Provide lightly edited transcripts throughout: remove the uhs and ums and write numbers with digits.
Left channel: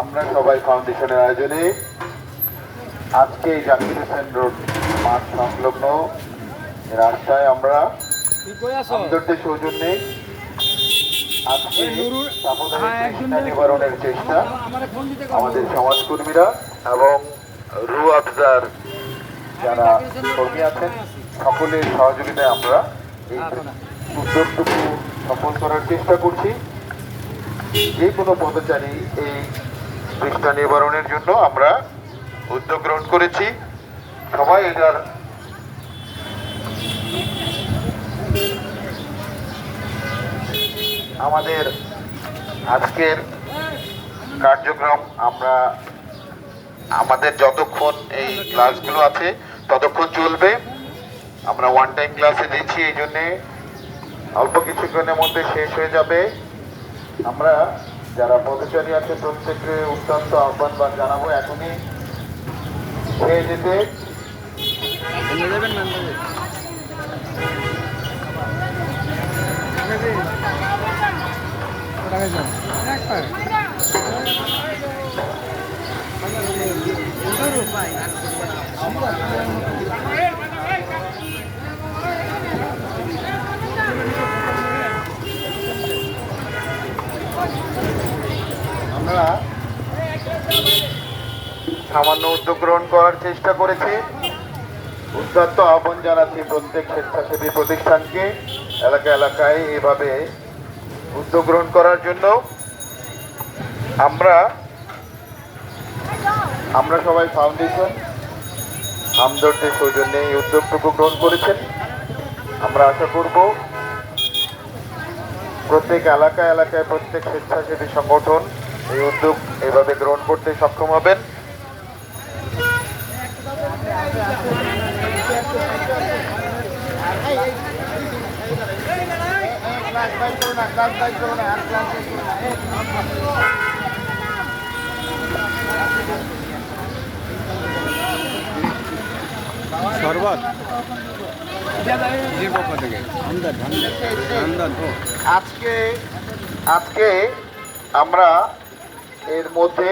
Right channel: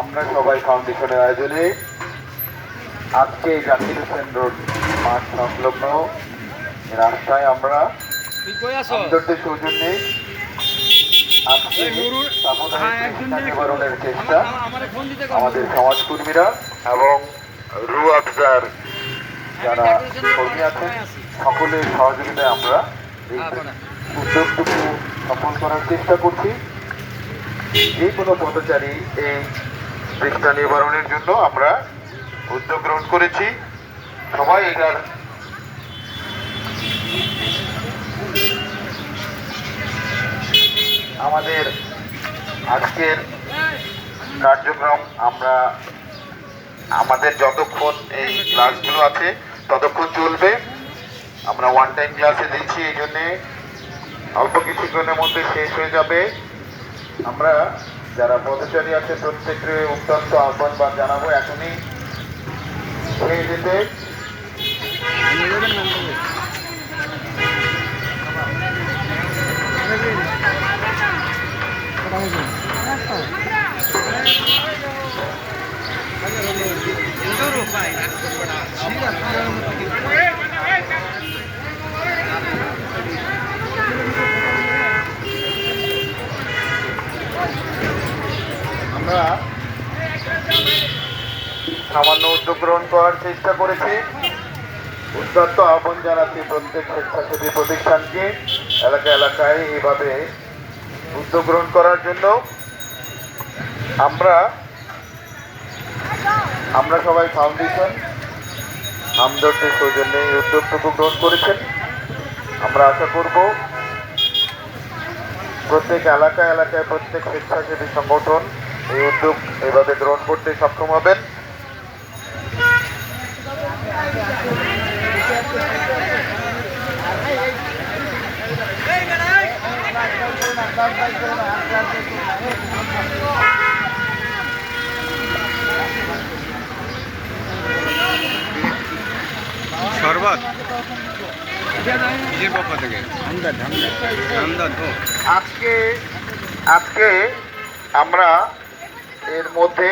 আমরা সবাই ফাউন্ডেশনের আয়োজনে আজকে জাকির হোসেন রোড মাঠ সংলগ্ন রাস্তায় আমরা আন্তর্জাতিক সৌজন্যে আজকে নিবারণের চেষ্টা আমাদের সমাজকর্মীরা এবং রু আফজার যারা কর্মী আছেন সকলের সহযোগিতায় আমরা এই উদ্যোগটুকু সফল করার চেষ্টা করছি। যে কোনো পথচারী এই তৃষ্ণা নিবারণের জন্য আমরা উদ্যোগ গ্রহণ করেছি। সবাই এটার আমাদের আজকের কার্যক্রম আমরা আমাদের যতক্ষণ এই ক্লাসগুলো আছে ততক্ষণ চলবে। আমরা ওয়ান টাইম ক্লাসে দিচ্ছি, এই জন্যে অল্প কিছুক্ষণের মধ্যে শেষ হয়ে যাবে। আমরা যারা পথচারী আছে প্রত্যেককে অত্যন্ত আহ্বান জানাবো এখনই হয়ে যেতে। আমরা সামান্য উদ্যোগ গ্রহণ করার চেষ্টা করেছি। উদ্যত্ত আহ্বান জানাচ্ছি প্রত্যেক স্বেচ্ছাসেবী প্রতিষ্ঠানকে এলাকায় এভাবে উদ্যোগ গ্রহণ করার জন্য। আমরা সবাই ফাউন্ডেশন হামদর্দের সৌজন্যে এই উদ্যোগটুকু গ্রহণ করেছেন। আমরা আশা করব প্রত্যেক এলাকায় প্রত্যেক স্বেচ্ছাসেবী সংগঠন এই উদ্যোগ এভাবে গ্রহণ করতে সক্ষম হবেন। শরবত আজকে আমরা এর মধ্যে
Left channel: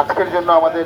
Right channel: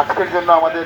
আজকের জন্য আমাদের